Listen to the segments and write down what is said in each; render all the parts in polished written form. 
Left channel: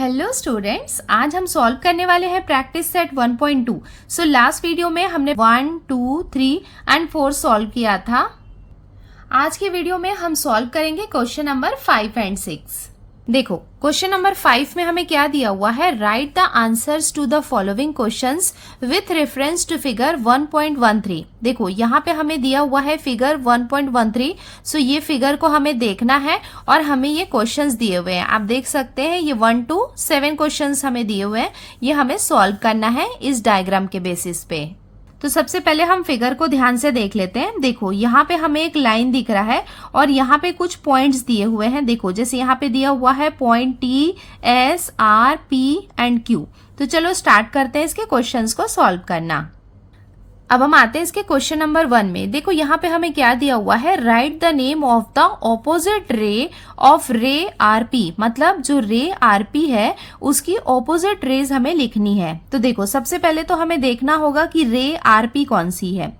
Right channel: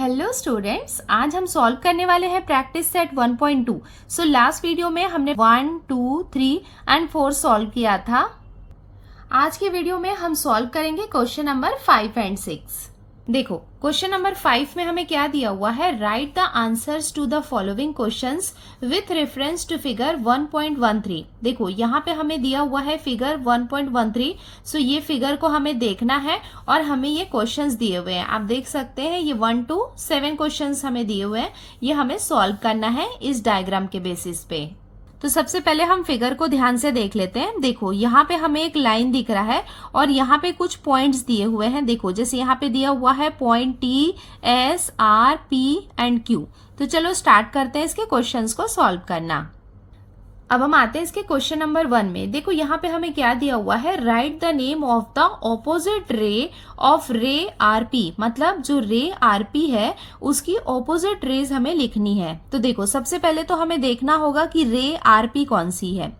Hello students, आज हम solve करने वाले हैं practice set 1.2। So last video में हमने 1, 2, 3 एंड 4 सॉल्व किया था। आज की वीडियो में हम सॉल्व करेंगे क्वेश्चन नंबर 5 एंड 6। देखो, क्वेश्चन नंबर 5 में हमें क्या दिया हुआ है, write the answers to the following questions with reference to figure 1.13। देखो, यहाँ पे हमें दिया हुआ है फिगर 1.13। सो ये फिगर को हमें देखना है और हमें ये क्वेश्चंस दिए हुए हैं। आप देख सकते हैं ये 1 to 7 क्वेश्चंस हमें दिए हुए हैं। ये हमें सॉल्व करना है इस डायग्राम के बेसिस पे। तो सबसे पहले हम फिगर को ध्यान से देख लेते हैं। देखो, यहाँ पे हमें एक लाइन दिख रहा है और यहाँ पे कुछ पॉइंट्स दिए हुए हैं। देखो, जैसे यहाँ पे दिया हुआ है point T, S, R, P and Q. तो चलो स्टार्ट करते हैं इसके क्वेश्चंस को सॉल्व करना। अब हम आते हैं इसके क्वेश्चन नंबर 1 में। देखो, यहाँ पे हमें क्या दिया हुआ है, write the name of the opposite ray of रे आरपी। मतलब जो रे आरपी है उसकी ऑपोजिट रेज हमें लिखनी है। तो देखो, सबसे पहले तो हमें देखना होगा कि रे आरपी कौन सी है।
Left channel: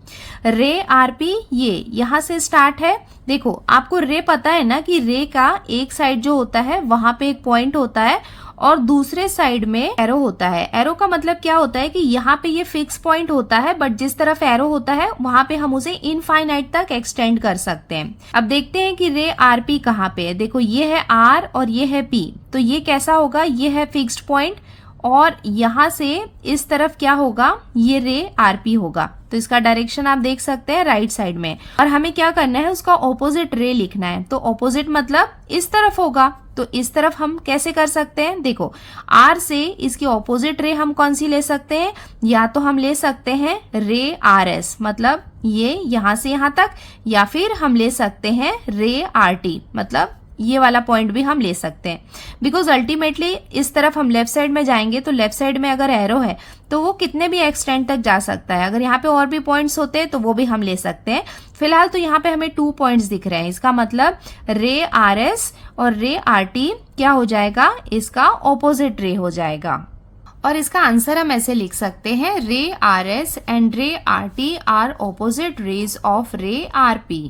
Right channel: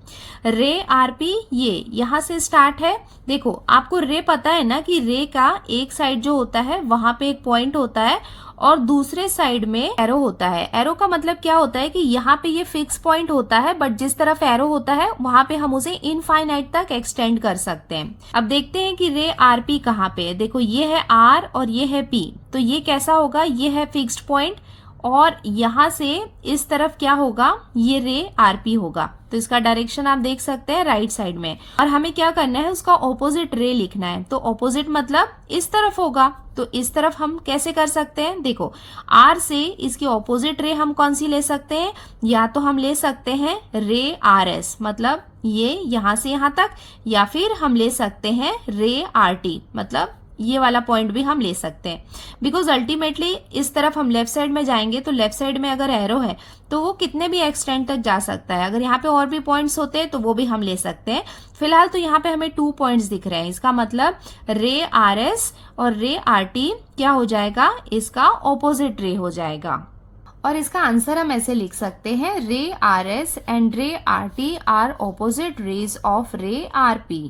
रे आरपी ये यहाँ से स्टार्ट है। देखो, आपको रे पता है ना कि रे का एक साइड जो होता है वहां पे एक पॉइंट होता है और दूसरे साइड में एरो होता है। एरो का मतलब क्या होता है कि यहाँ पे ये फिक्स पॉइंट होता है, बट जिस तरफ एरो होता है वहां पे हम उसे इनफाइनाइट तक एक्सटेंड कर सकते हैं। अब देखते हैं कि रे आरपी कहाँ पे है। देखो, ये है आर और ये है पी। तो ये कैसा होगा, ये है फिक्स्ड पॉइंट और यहाँ से इस तरफ क्या होगा, ये रे आरपी होगा। तो इसका डायरेक्शन आप देख सकते हैं राइट साइड में। और हमें क्या करना है, उसका ऑपोजिट रे लिखना है। तो ऑपोजिट मतलब इस तरफ होगा। तो इस तरफ हम कैसे कर सकते हैं, देखो, आर से इसकी ऑपोजिट रे हम कौन सी ले सकते हैं, या तो हम ले सकते हैं रे आर एस, मतलब ये यहां से यहां तक, या फिर हम ले सकते हैं रे आर टी, मतलब ये वाला पॉइंट भी हम ले सकते हैं। बिकॉज अल्टीमेटली इस तरफ हम लेफ्ट साइड में जाएंगे तो लेफ्ट साइड में अगर एरो है तो वो कितने भी एक्सटेंड तक जा सकता है। अगर यहाँ पे और भी पॉइंट्स होते हैं तो वो भी हम ले सकते हैं। फिलहाल तो यहाँ पे हमें 2 पॉइंट्स दिख रहे हैं। इसका मतलब रे आर एस और रे आर टी क्या हो जाएगा, इसका ऑपोजिट रे हो जाएगा। और इसका आंसर हम ऐसे लिख सकते हैं, ray R S and ray R T are opposite rays of ray R P.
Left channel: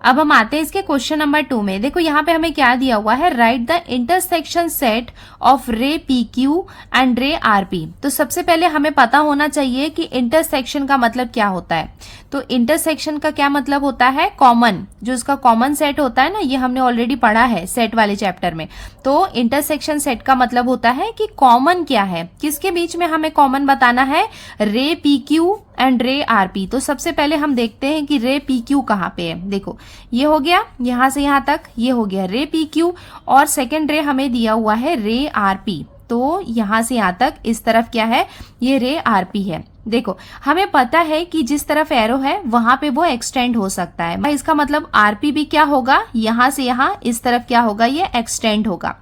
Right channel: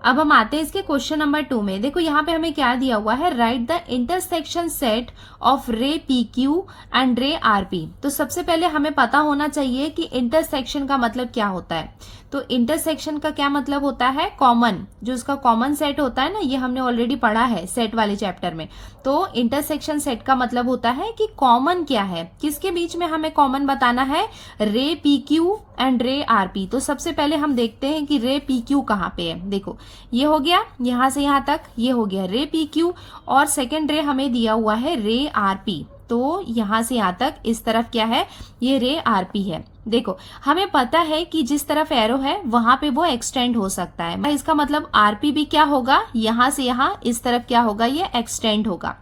अब हम आते हैं इसके क्वेश्चन नंबर 2 में। देखो, यहाँ पे हमें क्या दिया हुआ है, write the intersection set of रे P Q and ray R P. तो सबसे पहले हमें पता होना चाहिए कि इंटरसेक्शन का मतलब क्या होता है। तो इंटरसेक्शन का क्या मतलब होता है, कॉमन, जो इसका कॉमन सेट होता है ना, ये हमने ऑलरेडी पढ़ा है सेट वाले चैप्टर में। तो इंटरसेक्शन सेट का मतलब होता है कि कॉमन क्या है, किसके बीच में हमें कॉमन बताना है, रे P Q and ray R P. तो सबसे पहले हम देखते हैं कि रे पी क्यू कहाँ पे है। देखो, ये हो गया यहां से यहां तक, ये हो गया रे पी क्यू और सेकेंड रे हमें दिया हुआ है रे आर पी। तो यहां से यहां तक इस तरफ क्या है, ये रे आर पी है। देखो, हमें पता है कि जिस तरफ एरो है वहां पे वो एक्सटेंड हो सकता है। इसका मतलब आरपी भी क्या होगा, यहां से यहां इस तरफ क्या होगा, ये एक्सटेंड होगा।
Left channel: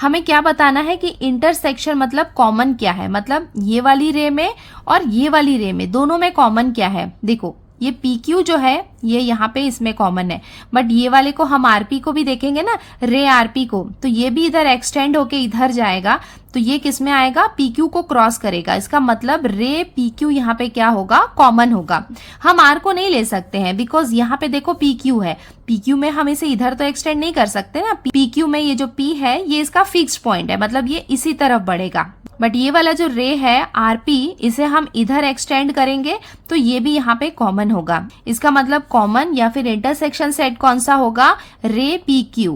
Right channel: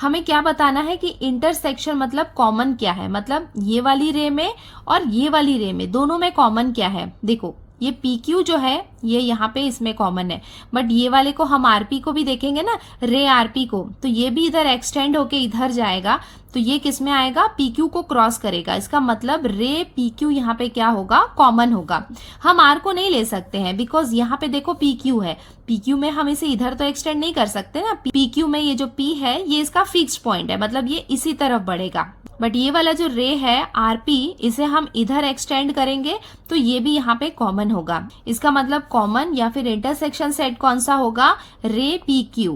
हमें क्या बताना है कि इंटरसेक्शन मतलब कॉमन क्या है, मतलब ये वाली रे में और ये वाली रे में दोनों में कॉमन क्या है। देखो, ये PQ जो है ये यहाँ पे इसमें कॉमन है, बट ये वाले को हम RP को भी देखेंगे ना, रे RP को, तो ये भी इधर एक्सटेंड होके इधर जाएगा। तो ये किस में आएगा, PQ को क्रॉस करेगा। इसका मतलब रे PQ यहाँ पे क्या होगा, कॉमन होगा। हम R को नहीं ले सकते हैं बिकॉज यहाँ पे देखो PQ है। PQ में हम इसे इधर तो एक्सटेंड नहीं कर सकते ना। PQ में ये जो P है ये इसका फिक्स्ड पॉइंट है, मतलब ये इसी तरफ बढ़ेगा। बट ये वाला जो रे है आरपी, इसे हम इधर एक्सटेंड करेंगे तो ये भी यहाँ पे कॉमन होगा। इसका मतलब कॉमन या फिर इंटरसेक्शन सेट कौन सा होगा, रे पी क्यू।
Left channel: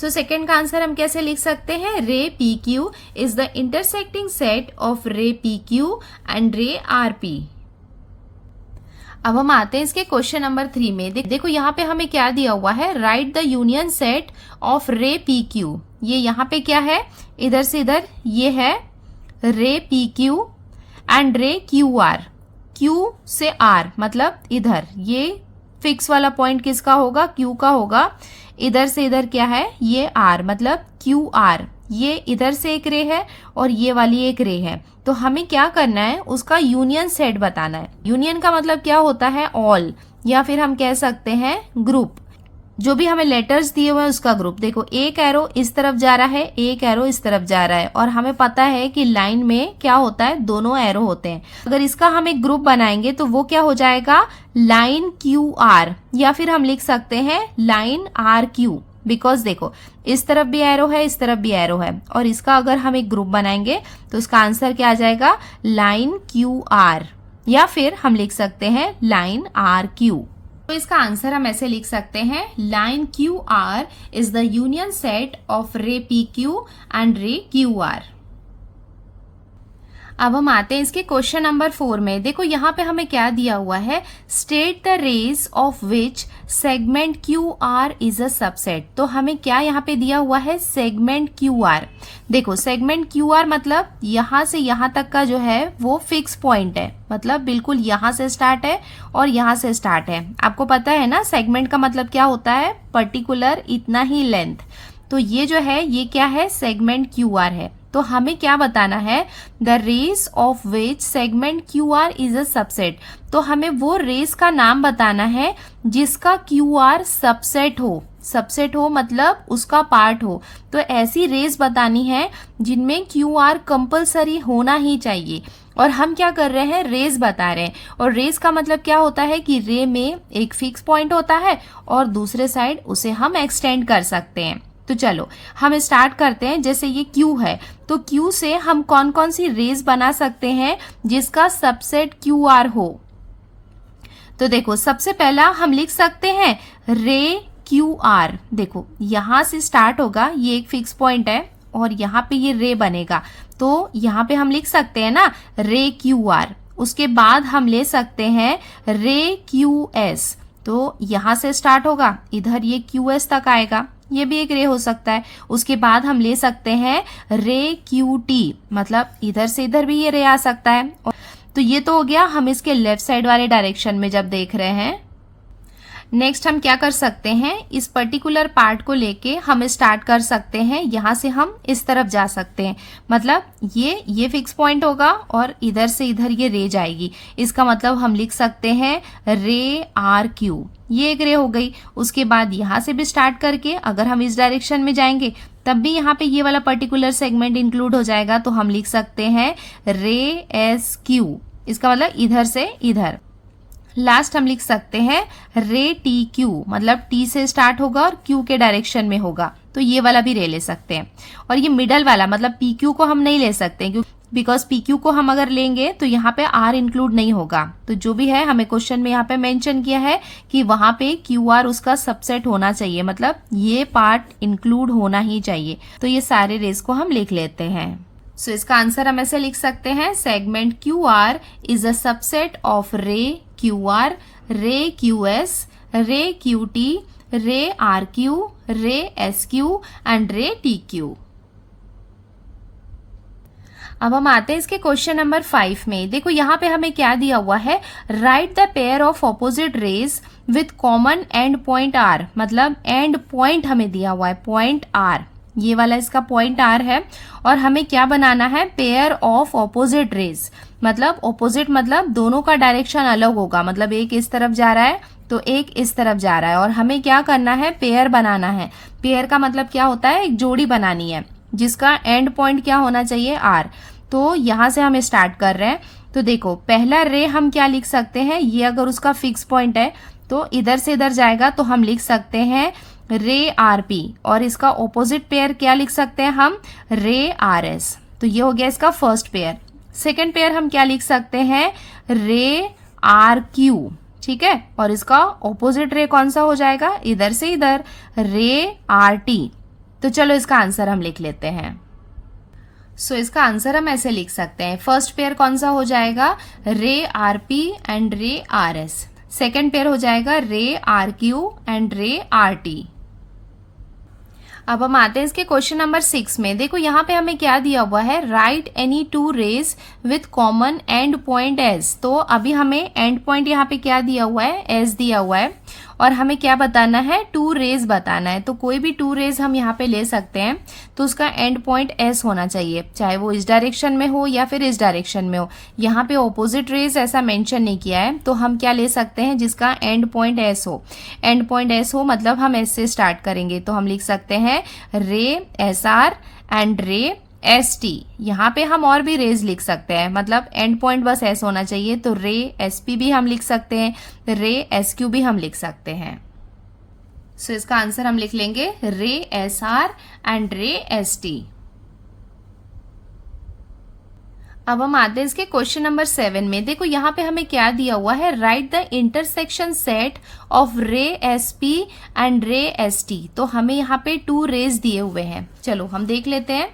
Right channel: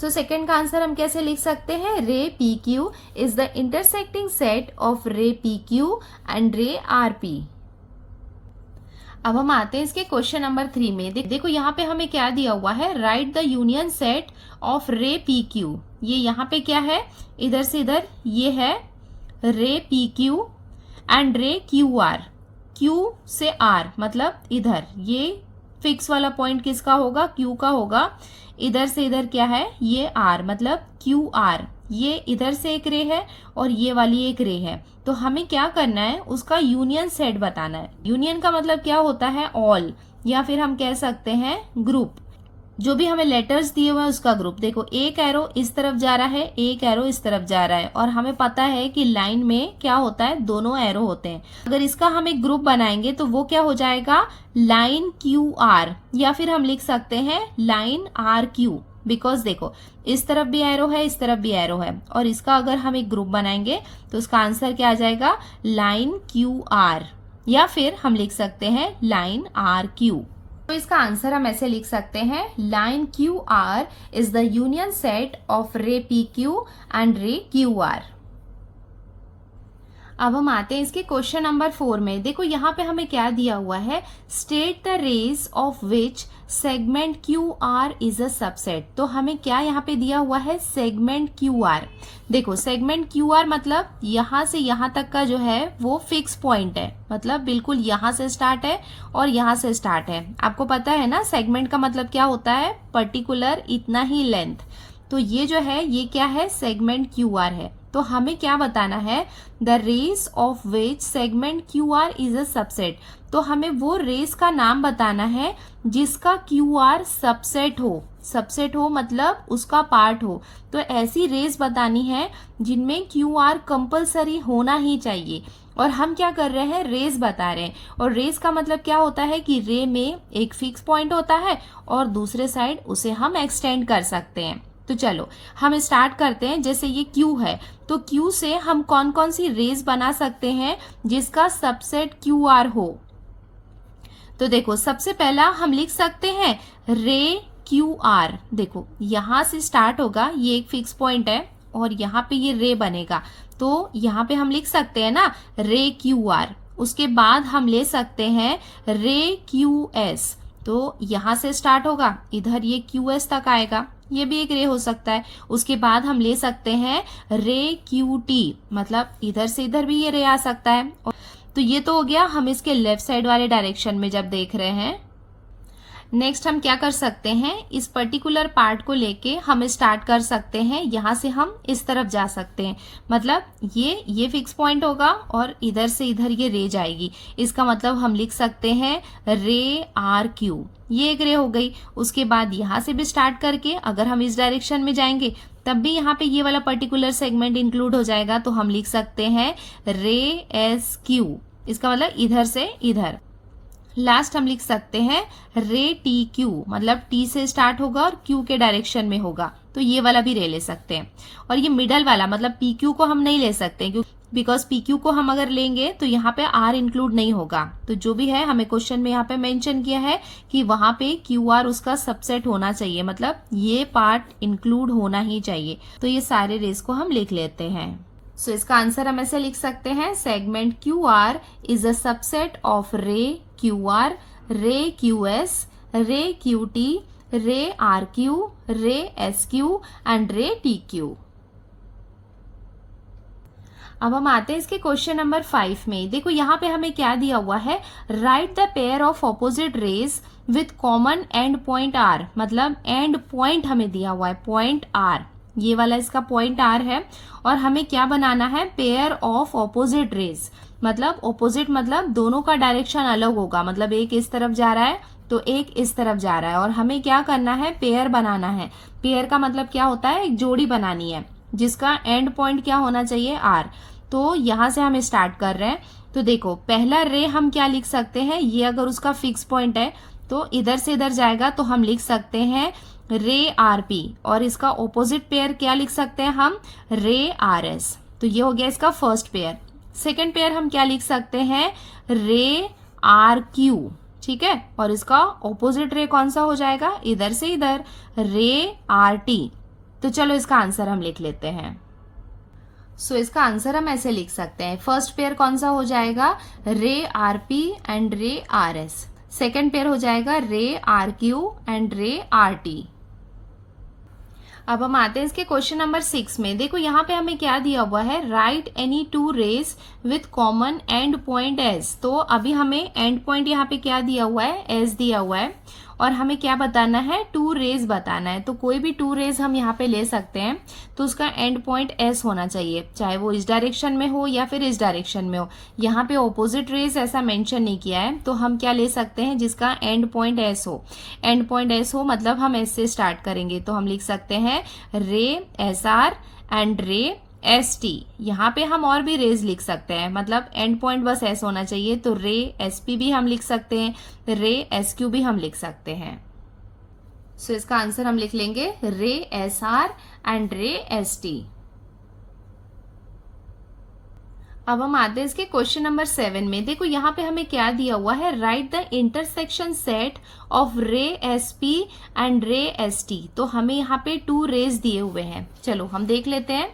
तो सेकेंड का आंसर हम कैसे लिख सकते हैं, रे P Q is the intersecting set of रे P Q and ray R P. अब हम आते हैं इसके क्वेश्चन नंबर 3 में। देखो, यहाँ पे हमें क्या दिया हुआ है, write the union set of रे पी क्यू। ये यहाँ पे क्या है, इधर से इधर ये है रे पी क्यू एंड रे क्यू आर। क्यू से आर मतलब इधर, ये फिक्स वाला पॉइंट किसका होगा, क्यू का होगा। इधर से इधर क्या है, ये आर मतलब क्यू आर। ये इधर से एक रे है और ये वाली एक रे है। तो हमें क्या करना है, उसका यूनियन सेट बताना है। यूनियन का मतलब क्या होता है, ऑल, या फिर हम कह सकते हैं ग्रुप। जो भी हमें लेटर्स दिए हुए हैं उसका ग्रुप। देखो, एक एरो इस तरफ जा रहा है, एक एरो इस तरफ जा रहा है, और हमें पता है कि लाइन में क्या होता है, दोनों एरो होते हैं। अगर इसका हम एक ग्रुप बनाएंगे तो वो क्या हो जाएगा, लाइन क्यू आर, या फिर हम लिख सकते हैं लाइन आर क्यू। बिकॉज देखो इस तरफ भी एरो है, इस तरफ भी एरो है, और इसका अगर हम एक ग्रुप बनाएंगे तो इसका आंसर क्या आ जाएगा, लाइन क्यू आर, या फिर हम लिख सकते हैं लाइन आर क्यू। तो इसका आंसर हम ऐसे लिख सकते हैं, line Q R is the union set of रे पी क्यू एंड रे क्यू आर। अब हम आते हैं इसके क्वेश्चन नंबर 4 में। देखो यहाँ पे हमें क्या दिया हुआ है, state the rays of which segment Q R is a subset. तो हमें क्या यहाँ पे दिया हुआ है, सेगमेंट क्यू आर। देखो सेगमेंट क्यू आर मतलब यहाँ से यहाँ तक का जो है वो फिक्स पॉइंट है, मतलब बिल्कुल यहाँ से स्टार्ट है और यहाँ से स्टार्ट है। आपको पता है ना सेगमेंट का मतलब क्या होता है, पर्टिकुलर इतना ही लेंथ। तो ये जो है ये क्या है, सेगमेंट क्यू आर है। तो हमें क्या बताना है, the rays of which segment Q R is a subset. तो हमें वो रेस का नाम बताना है जिसका क्यू आर सबसेट हो। सबसेट हो मतलब उसका पार्ट हो। तो ऐसी रेस बतानी है जिनमें क्यू आर कंपल्सरी होना ही चाहिए। और हम क्या कर रहे हैं, रेस बता रहे हैं। और रेस का मतलब क्या होता है कि रे में एक फिक्स पॉइंट होता है और दूसरे साइड उसे हम एक्सटेंड कर सकते हैं। तो चलो हम स्टार्ट करते हैं। जैसे ये Q है तो Q से हम कौन कौन सी रेस बना सकते हैं जिसका सबसेट QR हो। तो देखो सबसे पहला हम लिख सकते हैं रे QR। देखो यहां से स्टार्ट होगा, ये एक फिक्स पॉइंट है और यहाँ पे ये रे बनेगा। तो यहाँ पे हम लिख सकते हैं ना रे QR। उसके बाद हम ले सकते हैं रे QS। तो यहां से स्टार्ट होगा, इधर ये QS तक आएगा, ये भी एक रे हो सकता है। उसके बाद हम ले सकते हैं रे QT, मतलब इधर से इधर भी ये रे आ सकता है। तो ये तो हो गया हम इसके लेफ्ट साइड वाले डायरेक्शन में जब देख रहे हैं। नेक्स्ट हम क्या कर सकते हैं, इस पर्टिकुलर पार्ट को लेके हम स्टार्ट कर सकते हैं, यहाँ से हम इस तरफ जा सकते हैं। मतलब ये फिक्स पॉइंट होगा और इधर से इधर ये रे जाएगी। इसका मतलब हम लिख सकते हैं रे आर क्यू, ये एक रे हो गई। उसके बाद यहाँ से भी स्टार्ट करके अगर हम इस डायरेक्शन में जाएंगे तब भी यहाँ पे ये वाला पर्टिकुलर सेगमेंट इंक्लूड हो जाएगा। तो हम लिख सकते हैं रे एस क्यू, इसका मतलब इधर से इधर। लास्ट हम लिख सकते हैं रे टी क्यू, मतलब टी से स्टार्ट होगा और क्यू के डायरेक्शन में होगा। तो ये वाला भी रे ले सकते हैं। और ये मिडल वाला मतलब पी क्यू को हम नहीं ले सकते क्योंकि बिकॉज पी क्यू को हम अगर लेंगे तो यहाँ पे आर इंक्लूड नहीं होगा। तो जो भी है हमें क्वेश्चन में यहाँ पे मेंशन किया है कि वहां पे क्यू आर उसका सबसेट होना चाहिए, मतलब ये पार्ट इंक्लूड होना ही चाहिए। तो ये सारे रेस को हम लिख लेते हैं। सो इसका आंसर हम ऐसे लिख सकते हैं, segment Q R is a subset of रे क्यू आर, रे क्यू एस, रे क्यू टी, रे आर क्यू, रे एस क्यू एंड रे टी क्यू। अब हम आते हैं इसके क्वेश्चन नंबर 5 में। देखो यहाँ पे हमें क्या दिया हुआ है, write the pair of opposite rays with common end point R. मतलब एंड पॉइंट हमें दिया हुआ है, पॉइंट आर, ये वाला इसका पॉइंट आर है। और हमें क्या बनाना है, पेयर ऑफ ऑपोजिट रेज। मतलब ऑपोजिट मतलब दोनों का डायरेक्शन अलग होगा, मतलब एक इस तरफ जा रहा है तो एक इस तरफ जा रहा है। और हमें क्या करना है, पेयर बनाना है। पेयर का मतलब क्या होता है, एक जोड़ी बनानी है जिसका एंड पॉइंट क्या होना चाहिए, आर। तो यहां से हम स्टार्ट कर रहे हैं। तो देखो पहला रे हम क्या लिख सकते हैं, ये अगर उसका फिक्स पॉइंट है तो इधर से इधर जाएगा, तो हम लिख सकते हैं रे आर पी। और इसका ऑपोजिट पेयर क्या लिख सकते हैं हम, रे आर एस। तो ये हो गया इसका फर्स्ट पेयर। सेकेंड पेयर हम क्या लिख सकते हैं, रे आर क्यू, ठीक है। और इसका ऑपोजिट रे कौन सा हो जाएगा, इधर से इधर, रे आर टी। तो चलो इसका आंसर हम लिख लेते हैं। सो इसका आंसर हम ऐसे लिख सकते हैं, फर्स्ट पेयर कौन सा हो जाएगा, रे R P and ray R S. Second pair हो जाएगा रे are Q and ray R T. अब हम आते हैं इसके क्वेश्चन नंबर 6 में। देखो यहाँ पे हमें क्या दिया हुआ है, write any two rays with common end point S. तो अभी हमें एंड पॉइंट यहाँ पे क्या दिया हुआ है, एस दिया हुआ है। और हमें क्या बताना है, टू रेज बताना है। तो कोई भी टू रेज हम यहाँ पे ले सकते हैं, तो उसका एंड पॉइंट एस होना चाहिए, चाहे वो इस डायरेक्शन में हो या फिर इस डायरेक्शन में हो। यहाँ पे ऑपोजिट रेज ऐसा मेंशन नहीं किया है, तो हम क्या ले सकते हैं, जिसका एंड पॉइंट एस हो। एंड पॉइंट एस हो मतलब हम एस से स्टार्ट करेंगे, तो हम लिख सकते हैं रे S R and ray S T. यहाँ पे हम और भी रेज लिख सकते हैं, मतलब एंड पॉइंट बस एस होना चाहिए। तो रे एस पी भी हम लिख सकते हैं, रे एस क्यू भी हम लिख सकते हैं। सो इसका आंसर हम लिख लेंगे रे S R and ray S T. अब हम आते हैं इसके क्वेश्चन नंबर 7 में। देखो यहाँ पे हमें क्या दिया हुआ है, write the intersection set of ray S P and ray S T. तो हमें यहाँ पे 2 रेज दिए हुए हैं, चलो हम देख लेते हैं।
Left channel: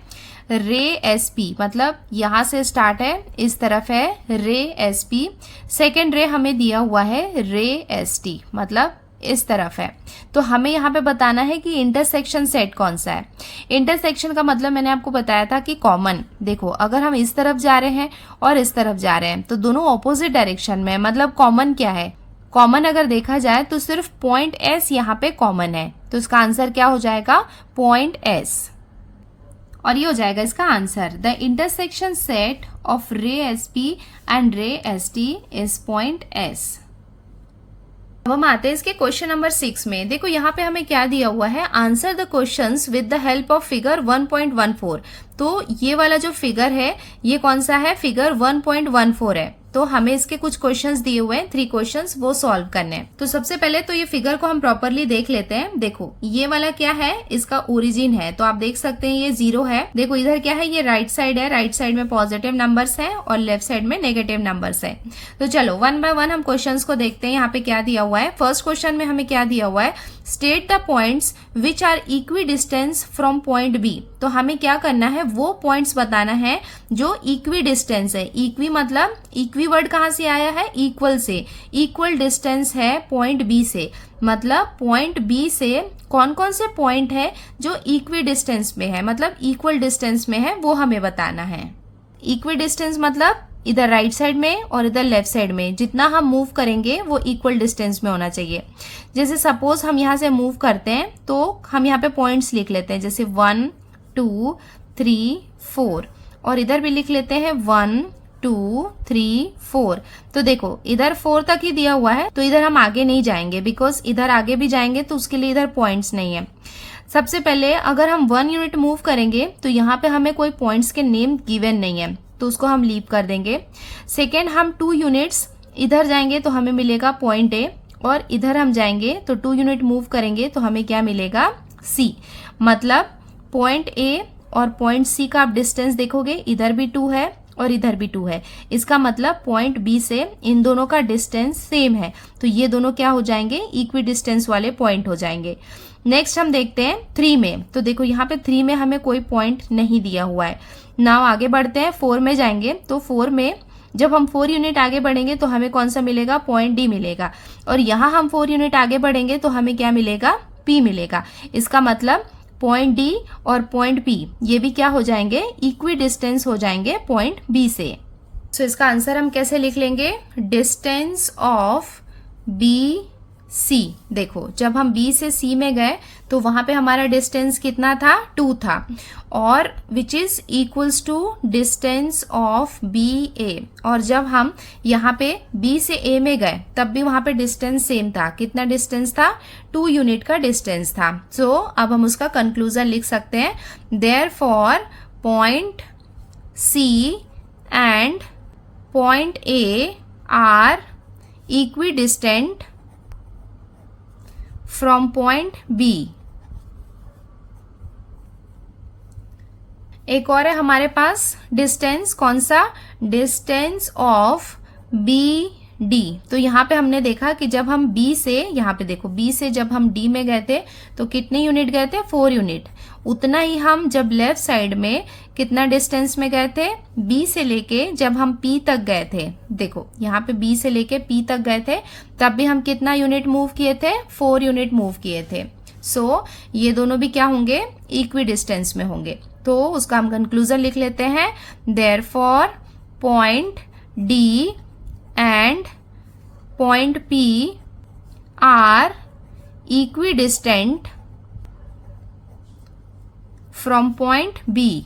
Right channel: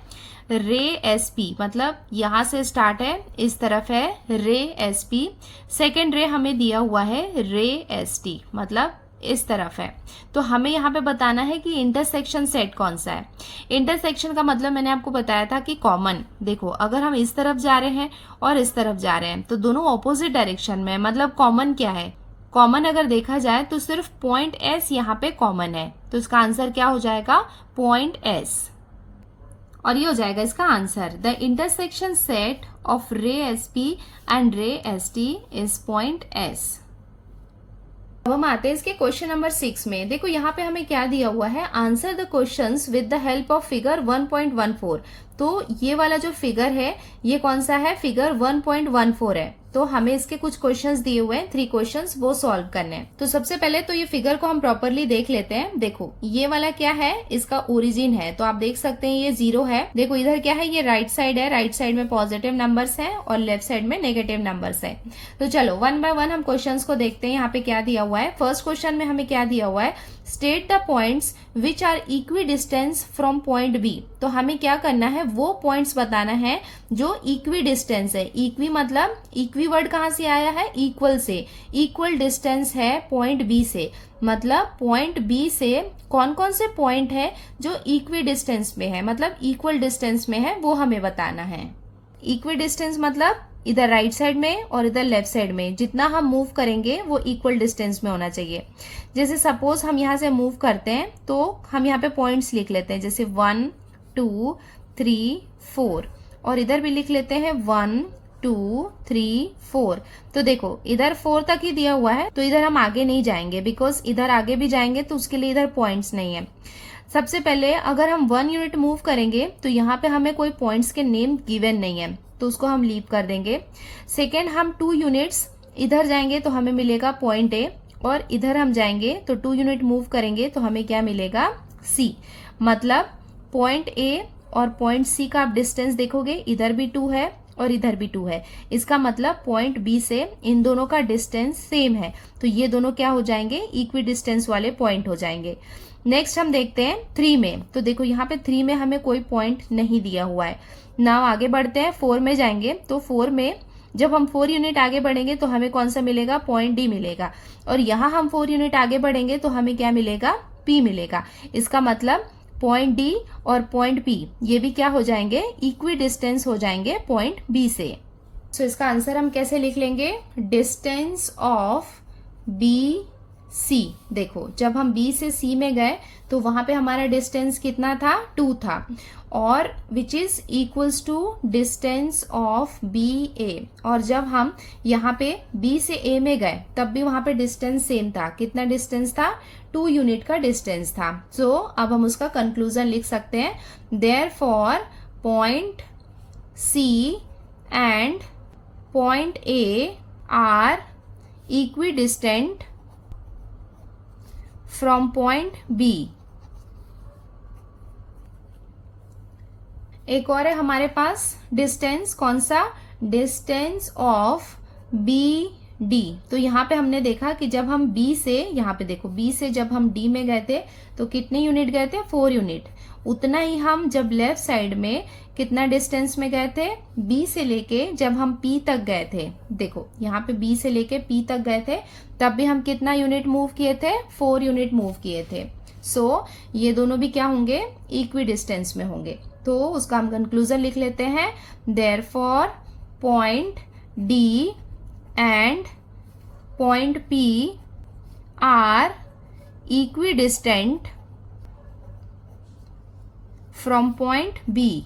रे एस पी मतलब यहां से स्टार्ट है, इस तरफ है रे एस पी। सेकेंड रे हमें दिया हुआ है रे एस टी, मतलब इस तरफ है। तो हमें यहाँ पे बताना है कि इंटरसेक्शन सेट कौन सा है। इंटरसेक्शन का मतलब मैंने आपको बताया था कि कॉमन। देखो अगर हम इस तरफ जा रहे हैं और इस तरफ जा रहे हैं तो दोनों ऑपोजिट डायरेक्शन में, मतलब कॉमन क्या है, कॉमन अगर देखा जाए तो सिर्फ पॉइंट एस यहाँ पे कॉमन है। तो इसका आंसर क्या हो जाएगा, पॉइंट एस। और ये हो जाएगा इसका answer, the intersection set of ray S P and ray S T is point S. अब हम आते हैं इसके क्वेश्चन नंबर 6 में। देखो यहाँ पे हमें क्या दिया हुआ है, answer the questions with the help of figure 1.14। तो ये वाला जो फिगर है ये कौन सा है, फिगर 1.14 है। तो हमें इसके कुछ क्वेश्चंस दिए हुए हैं, 3 क्वेश्चंस, वो सॉल्व करने हैं। तो सबसे पहले तो ये फिगर को हम प्रॉपरली देख लेते हैं। देखो ये वाला क्या है, इसका ओरिजिन है, तो आप देख सकते हैं ये 0 है। देखो इधर क्या है, ये राइट साइड है, राइट साइड में पॉजिटिव नंबर्स हैं और लेफ्ट साइड में नेगेटिव नंबर्स हैं। तो चलो 1 बाय 1 हम क्वेश्चंस को देखते हैं। यहाँ पे क्या दिया हुआ है, फर्स्ट क्वेश्चन में हमें क्या दिया हुआ है, state the points which are equidistant from point B. तो हमें क्या करना है, वो पॉइंट्स बताना है जो इक्वी डिस्टेंस है। इक्वी मतलब, इक्वी वर्ड कहां से आया है, इक्वल से। इक्वल डिस्टेंस है पॉइंट बी से, मतलब पॉइंट बी से कौन कौन से पॉइंट है जो इक्वी डिस्टेंस में है, मतलब इक्वल डिस्टेंस में है, वो हमें बताना है। इक्वी डिस्टेंस मतलब इधर राइट साइड में और इधर लेफ्ट साइड में जितना हम मूव करेंगे वो इक्वल डिस्टेंस में होना चाहिए। जैसे सपोज हम यहाँ से मूव करते हैं तो हम यहाँ पे पॉइंट्स लिख लेते हैं, जैसे 1 2 3 4, और इधर भी लिख लेते हैं 1 2 3 4। तो देखो इधर 4 तक ही दिया हुआ है, तो इधर हम आगे नहीं जाएंगे, बिकॉज इधर आगे भी जाएंगे तो उसके लिए इधर पॉइंट्स नहीं है। सबसे पहले अगर हम 1 यूनिट मूव करेंगे तो यहाँ पे हमें कोई पॉइंट्स के नेम गिवन नहीं है, तो उसको हम लीव कर देंगे। सेकेंड, हम 2 यूनिट्स इधर जाएंगे तो हमें मिलेगा पॉइंट ए, और इधर हम जाएंगे तो 2 यूनिट मूव करेंगे तो हमें क्या मिलेगा, सी। मतलब पॉइंट ए और पॉइंट सी का आप डिस्टेंस देखोगे, इधर भी 2 है और इधर भी 2 है। इसका मतलब पॉइंट बी से इन दोनों का डिस्टेंस सेम है, तो ये दोनों क्या हो जाएंगे, इक्वी डिस्टेंस वाले पॉइंट हो जाएंगे। नेक्स्ट हम देखते हैं 3 में। तो देखो यहाँ पे 3 में हमें कोई पॉइंट नहीं दिया हुआ है। नाउ आगे बढ़ते हैं, 4 में जाएंगे तो 4 में जब हम 4 यूनिट आगे बढ़ेंगे तो हमें कौन सा मिलेगा, पॉइंट डी मिलेगा, और यहाँ हम 4 यूनिट आगे बढ़ेंगे तो हमें क्या मिलेगा, पी मिलेगा। इसका मतलब पॉइंट डी और पॉइंट पी ये भी क्या हो जाएंगे, इक्वी डिस्टेंस हो जाएंगे पॉइंट बी से। सो इसका आंसर हम कैसे लिख लेंगे, डिस्टेंस ऑफ बी सी। देखो जब हम बी से सी में गए तो वहां पे हमारा डिस्टेंस कितना था, 2 था, और which is equals to distance of B A. और जब हम यहाँ पे बी से ए में गए तब भी वहां पे डिस्टेंस सेम था। कितना डिस्टेंस था, 2 यूनिट का डिस्टेंस था। सो अब हम उसका कंक्लूजन लिख सकते हैं, therefore point C and point A are equidistant from point B. एक और है हमारे पास डिस्टेंस, कौन सा, डिस्टेंस ऑफ बी डी। तो यहाँ पे हमने देखा कि जब हम बी से, यहाँ पे देखो बी से जब हम डी में गए थे तो कितने यूनिट गए थे, 4 यूनिट। उतना ही हम जब लेफ्ट साइड में कितना डिस्टेंस में गए थे, बी से लेके जब हम पी तक गए थे। देखो यहाँ पे बी से लेके पी तक गए थे तब भी हम कितना यूनिट मूव किए थे, 4 यूनिट मूव किए थे। सो ये दोनों भी क्या होंगे, इक्वी डिस्टेंस में होंगे। तो उसका हम कंक्लूजन लिख लेते हैं, therefore point D and point P are equidistant from point B.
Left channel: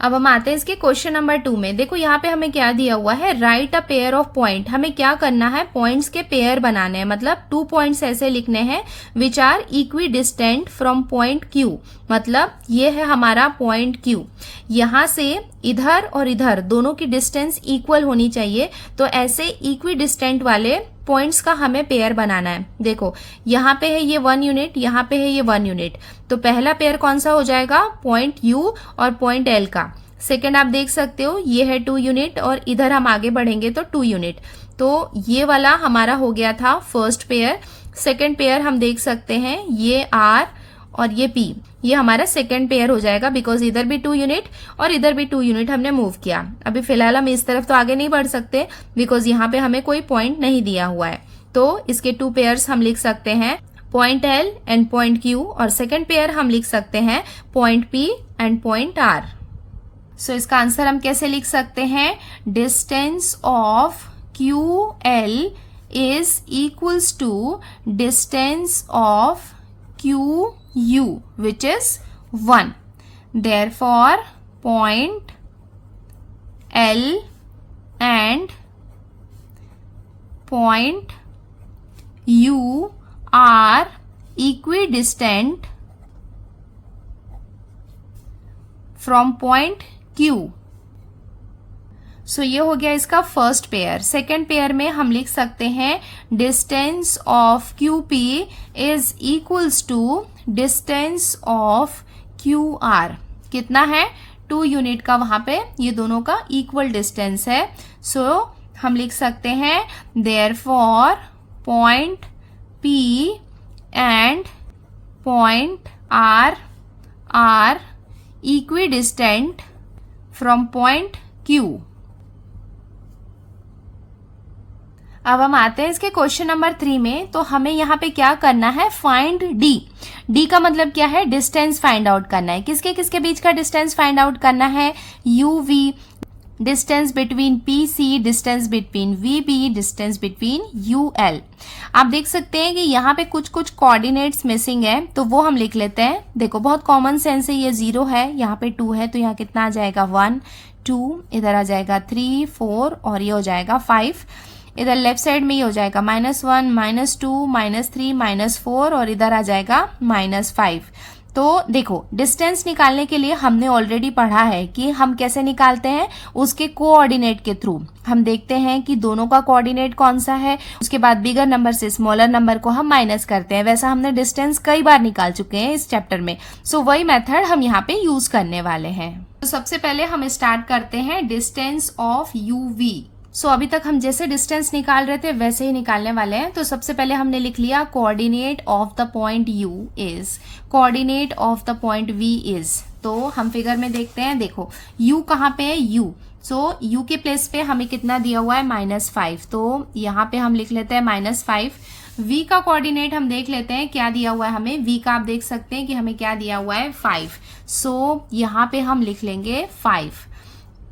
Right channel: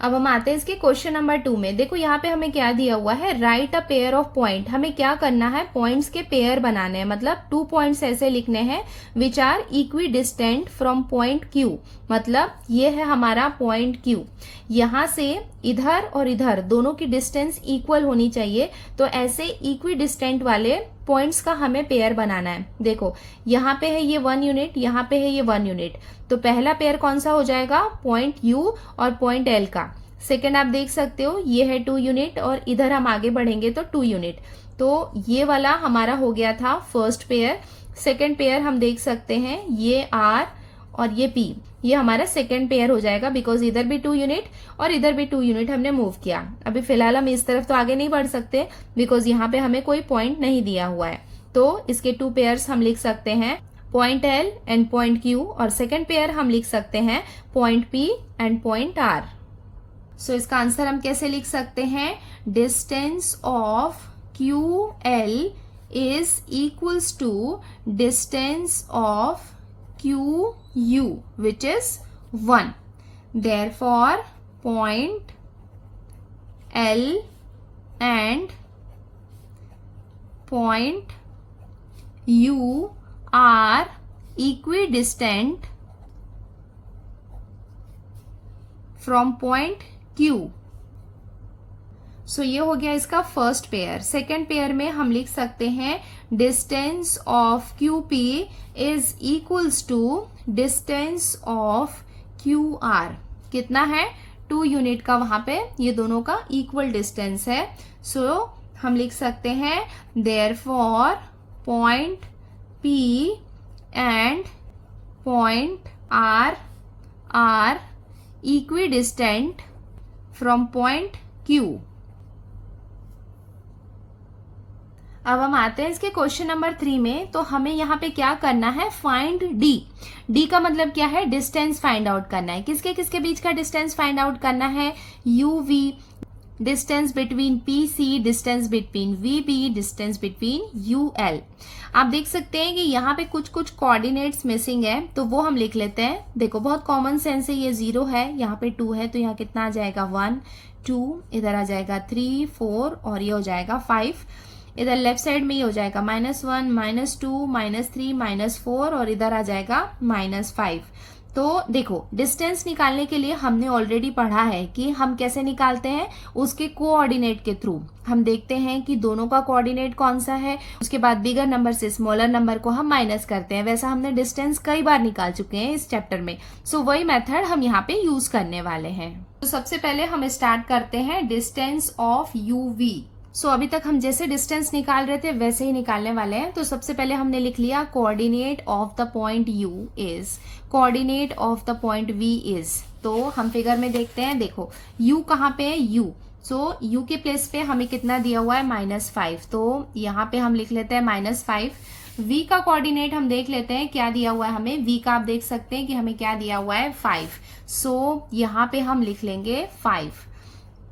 अब हम आते हैं इसके क्वेश्चन नंबर 2 में। देखो यहाँ पे हमें क्या दिया हुआ है, right a pair of point. हमें क्या करना है, पॉइंट्स के पेयर बनाने हैं, मतलब 2 पॉइंट्स ऐसे लिखने हैं which are equidistant from point Q. मतलब ये है हमारा पॉइंट क्यू, यहाँ से इधर और इधर दोनों की डिस्टेंस इक्वल होनी चाहिए। तो ऐसे इक्वी डिस्टेंट वाले पॉइंट्स का हमें पेयर बनाना है। देखो यहाँ पे है ये 1 यूनिट, यहाँ पे है ये 1 यूनिट, तो पहला पेयर कौन सा हो जाएगा, पॉइंट यू और पॉइंट एल का। सेकेंड आप देख सकते हो ये है 2 यूनिट और इधर हम आगे बढ़ेंगे तो 2 यूनिट, तो ये वाला हमारा हो गया था फर्स्ट पेयर। सेकेंड पेयर हम देख सकते हैं ये आर और ये पी, ये हमारा सेकेंड पेयर हो जाएगा, बिकॉज इधर भी 2 यूनिट और इधर भी 2 यूनिट हमने मूव किया। अभी फिलहाल हम इस तरफ तो आगे नहीं बढ़ सकते बिकॉज यहाँ पे हमें कोई पॉइंट नहीं दिया हुआ है, तो इसके 2 पेयर्स हम लिख सकते हैं point L and point Q, और सेकेंड पेयर हम लिख सकते हैं point P and point R. So इसका आंसर हम कैसे लिख सकते हैं, distance of Q L is equals to distance of QU, which is 1. Therefore, point L and point U are equidistant from point Q. सो ये हो गया इसका फर्स्ट पेयर। सेकेंड पेयर में हम लिख सकते हैं distance of Q P is equals to distance of Q R. कितना है, 2 यूनिट का, वहां पे ये दोनों का इक्वल डिस्टेंस है। सो हम लिख सकते हैं therefore point P and point R are equidistant from point Q. अब हम आते हैं इसके क्वेश्चन नंबर 3 में। तो हमें यहाँ पे क्या करना है, फाइंड डी। डी का मतलब क्या है, डिस्टेंस फाइंड आउट करना है। किसके किसके बीच का डिस्टेंस फाइंड आउट करना है, U V, distance between P C, distance between V B, distance between U L. आप देख सकते हैं कि यहाँ पे कुछ कुछ कोऑर्डिनेट्स मिसिंग है, तो वो हम लिख लेते हैं। देखो बहुत कॉमन सेंस है, ये 0 है, यहाँ पे 2 है, तो यहाँ कितना आ जाएगा 1 2, इधर आ जाएगा 3 4 और ये हो जाएगा 5। इधर लेफ्ट साइड में ये हो जाएगा -1 -2 -3 -4 और इधर आ जाएगा -5। तो देखो डिस्टेंस निकालने के लिए हमने ऑलरेडी पढ़ा है कि हम कैसे निकालते हैं, उसके कोऑर्डिनेट के थ्रू। हम देखते हैं कि दोनों का कोऑर्डिनेट कौन सा है, उसके बाद बिगर नंबर से स्मॉलर नंबर को हम माइनस करते हैं। वैसा हमने डिस्टेंस कई बार निकाल चुके हैं इस चैप्टर में। सो वही मेथड हम यहाँ पे यूज करने वाले हैं। तो सबसे पहले हम स्टार्ट करते हैं डिस्टेंस ऑफ यूवी। सो अभी तक हम जैसे डिस्टेंस निकाल रहे थे वैसे ही निकालने वाले हैं। तो सबसे पहले हमने लिख लिया coordinate of the point U is, coordinate of the point V is. तो हम फिगर में देखते हैं, देखो U कहाँ पे है, U। सो U के प्लेस पे हमें कितना दिया हुआ है, -5, तो यहाँ पे हम लिख लेते हैं -5। V का कोऑर्डिनेट हम देख लेते हैं क्या दिया हुआ है हमें। V का आप देख सकते हैं कि हमें क्या दिया हुआ है, 5। सो यहाँ पे हम लिख लेंगे 5।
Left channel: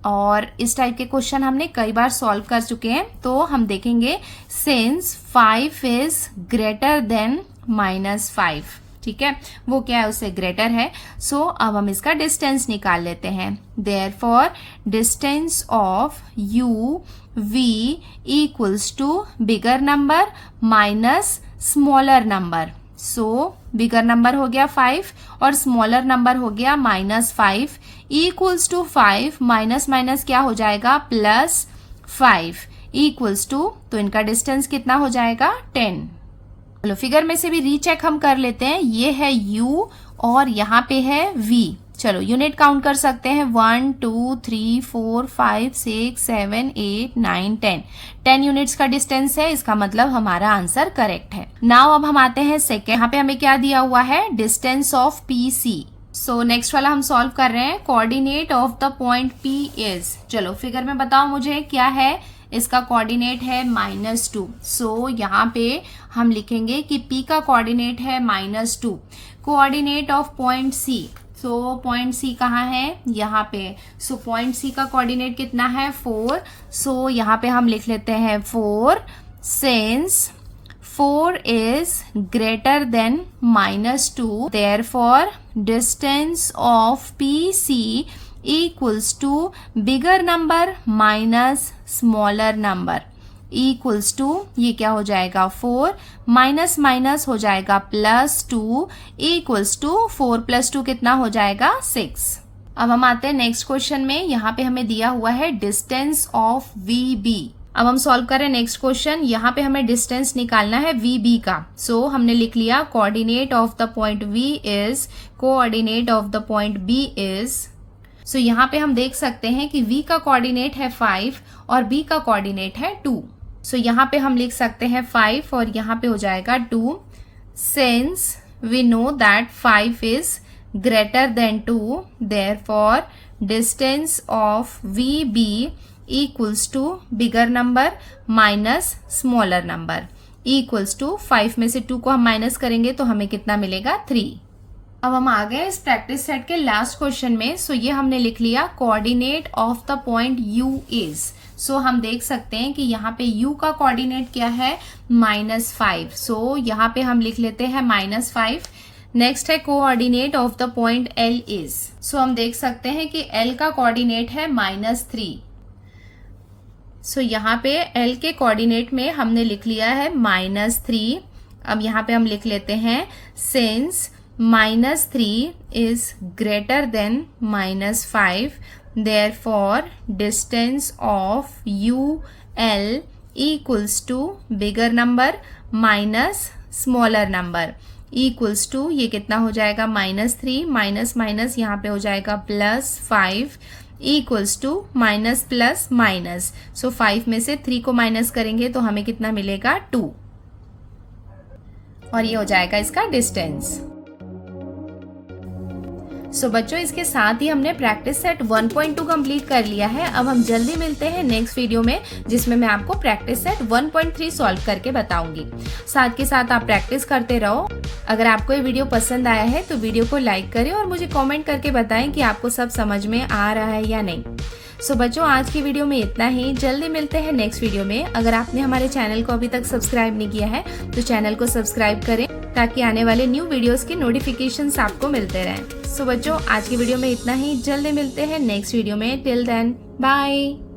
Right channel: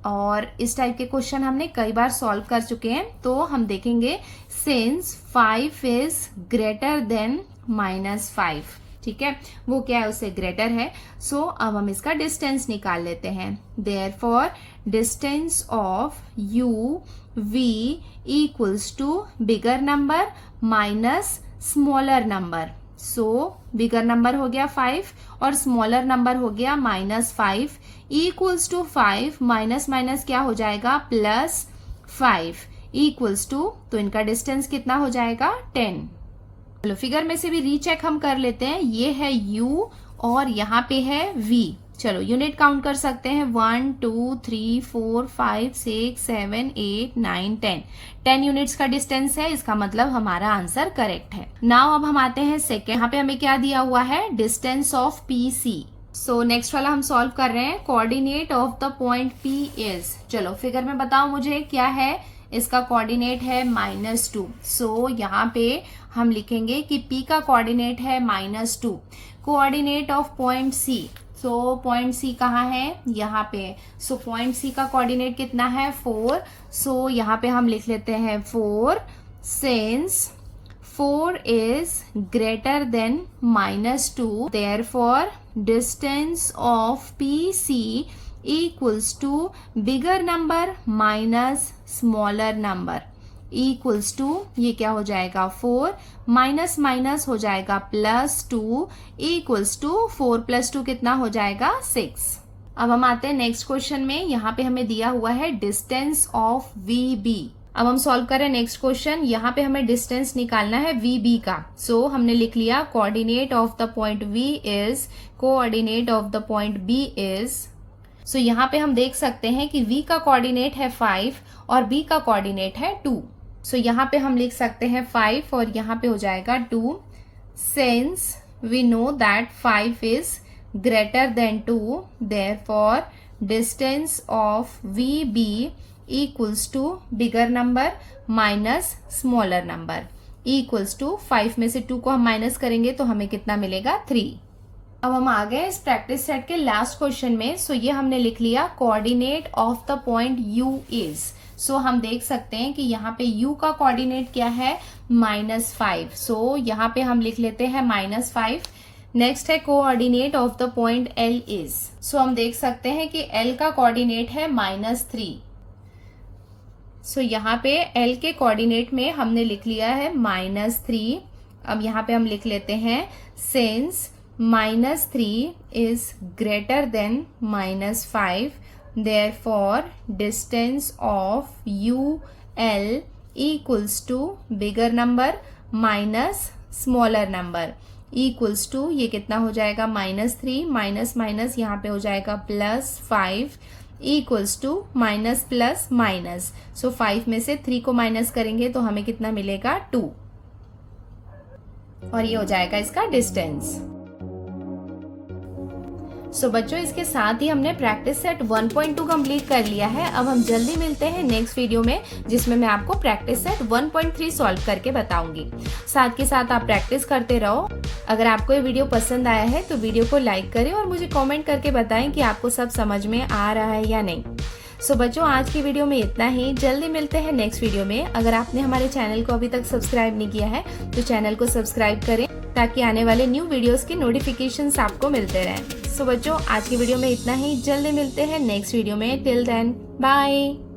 और इस टाइप के क्वेश्चन हमने कई बार सॉल्व कर चुके हैं, तो हम देखेंगे सिंस 5 इज ग्रेटर देन -5, ठीक है, वो क्या है, उससे ग्रेटर है। सो अब हम इसका डिस्टेंस निकाल लेते हैं। Therefore distance of U V equals to bigger number minus smaller number. So bigger number हो गया 5 और स्मॉलर नंबर हो गया -5 इक्वल्स टू 5 माइनस माइनस क्या हो जाएगा, +5 इक्वल्स टू, तो इनका डिस्टेंस कितना हो जाएगा, 10। चलो फिगर में से भी रीचेक हम कर लेते हैं। ये है U और यहाँ पे है V। चलो यूनिट काउंट कर सकते हैं, 1 2 3 4 5 6 7 8 9 10। 10 यूनिट्स का डिस्टेंस है, इसका मतलब हमारा आंसर करेक्ट है। नाउ अब हम आते हैं सेकेंड। यहाँ पे हमें क्या दिया हुआ है, distance of P C. So next वाला हम सॉल्व कर रहे हैं, coordinate of the point P is. चलो फिगर में बताओ मुझे क्या है, इसका कोऑर्डिनेट है -2। सो यहाँ पे हम लिखेंगे कि P का कोऑर्डिनेट है -2। Coordinate of point C, so point C कहाँ है, यहाँ पे। सो पॉइंट C का कोऑर्डिनेट कितना है, 4। सो यहाँ पे हम लिख लेते हैं 4 since 4 is greater than -2, therefore distance of PC equals to bigger number minus smaller number equals to, ये क्या हो जाएगा, 4 माइनस माइनस हो जाएगा +2 equals to 4 + 2 कितना हो जाएगा, 6। अब हम आते हैं नेक्स्ट क्वेश्चन में। यहाँ पे हमें दिया हुआ है डिस्टेंस ऑफ VB। अब हम सॉल्व करें नेक्स्ट क्वेश्चन। यहाँ पे हमें डिस्टेंस निकालना है वी बी का। सो हमने लिख लिया coordinate of the point V is, coordinate of the point B is. So यहाँ पे हम देख सकते हैं कि v का कोऑर्डिनेट है 5 और b का कोऑर्डिनेट है 2। सो यहाँ पे हम लिख सकते हैं 5 और यहाँ पे हो जाएगा 2। Since we know that 5 is greater than 2, therefore distance of V B equals to bigger number minus smaller number equals to 5 में से 2 को हम माइनस करेंगे तो हमें कितना मिलेगा 3। अब हम आ गए इस प्रैक्टिस सेट के लास्ट क्वेश्चन में। सो ये हमने लिख लिया coordinate of the point u is. So हम देख सकते हैं कि यहाँ पे u का कोऑर्डिनेट क्या है -5। सो यहाँ पे हम लिख लेते हैं -5। नेक्स्ट है coordinate of the point l is. So हम देख सकते हैं कि l का कोऑर्डिनेट है -3। सो यहाँ पे l के कोऑर्डिनेट में हमने लिख लिया है -3। अब यहाँ पे हम लिख लेते हैं since -3 is greater than -5, therefore distance of UL equals to bigger number minus smaller number equals to, ये कितना हो जाएगा -3 माइनस माइनस यहाँ पे हो जाएगा +5 equals to minus plus minus. So 5 में से 3 को माइनस करेंगे तो हमें कितना मिलेगा 2 और ये हो जाएगा इसका डिस्टेंस। सो बच्चों इसके साथ ही हमने प्रैक्टिस सेट 1.2 कंप्लीट कर लिया है। अब हम जल्दी मिलते हैं नेक्स्ट वीडियो में जिसमें मैं आपको प्रैक्टिस सेट 1.3 सॉल्व करके बताऊंगी। साथ के साथ आप प्रैक्टिस करते रहो। अगर आपको ये वीडियो पसंद आया है तो वीडियो को लाइक करें और मुझे कमेंट करके बताएं कि आपको सब समझ में आ रहा है या नहीं। सो बच्चों आज की वीडियो में इतना ही। जल्दी मिलते हैं नेक्स्ट वीडियो में। अगर आपने हमारे चैनल को अभी तक सब्सक्राइब नहीं किया है तो चैनल को सब्सक्राइब करें ताकि आने वाले न्यू वीडियोस की नोटिफिकेशंस आपको मिलते रहें। सो बच्चों आज की वीडियो में इतना ही। जल्दी मिलते हैं नेक्स्ट वीडियो में। Till then bye.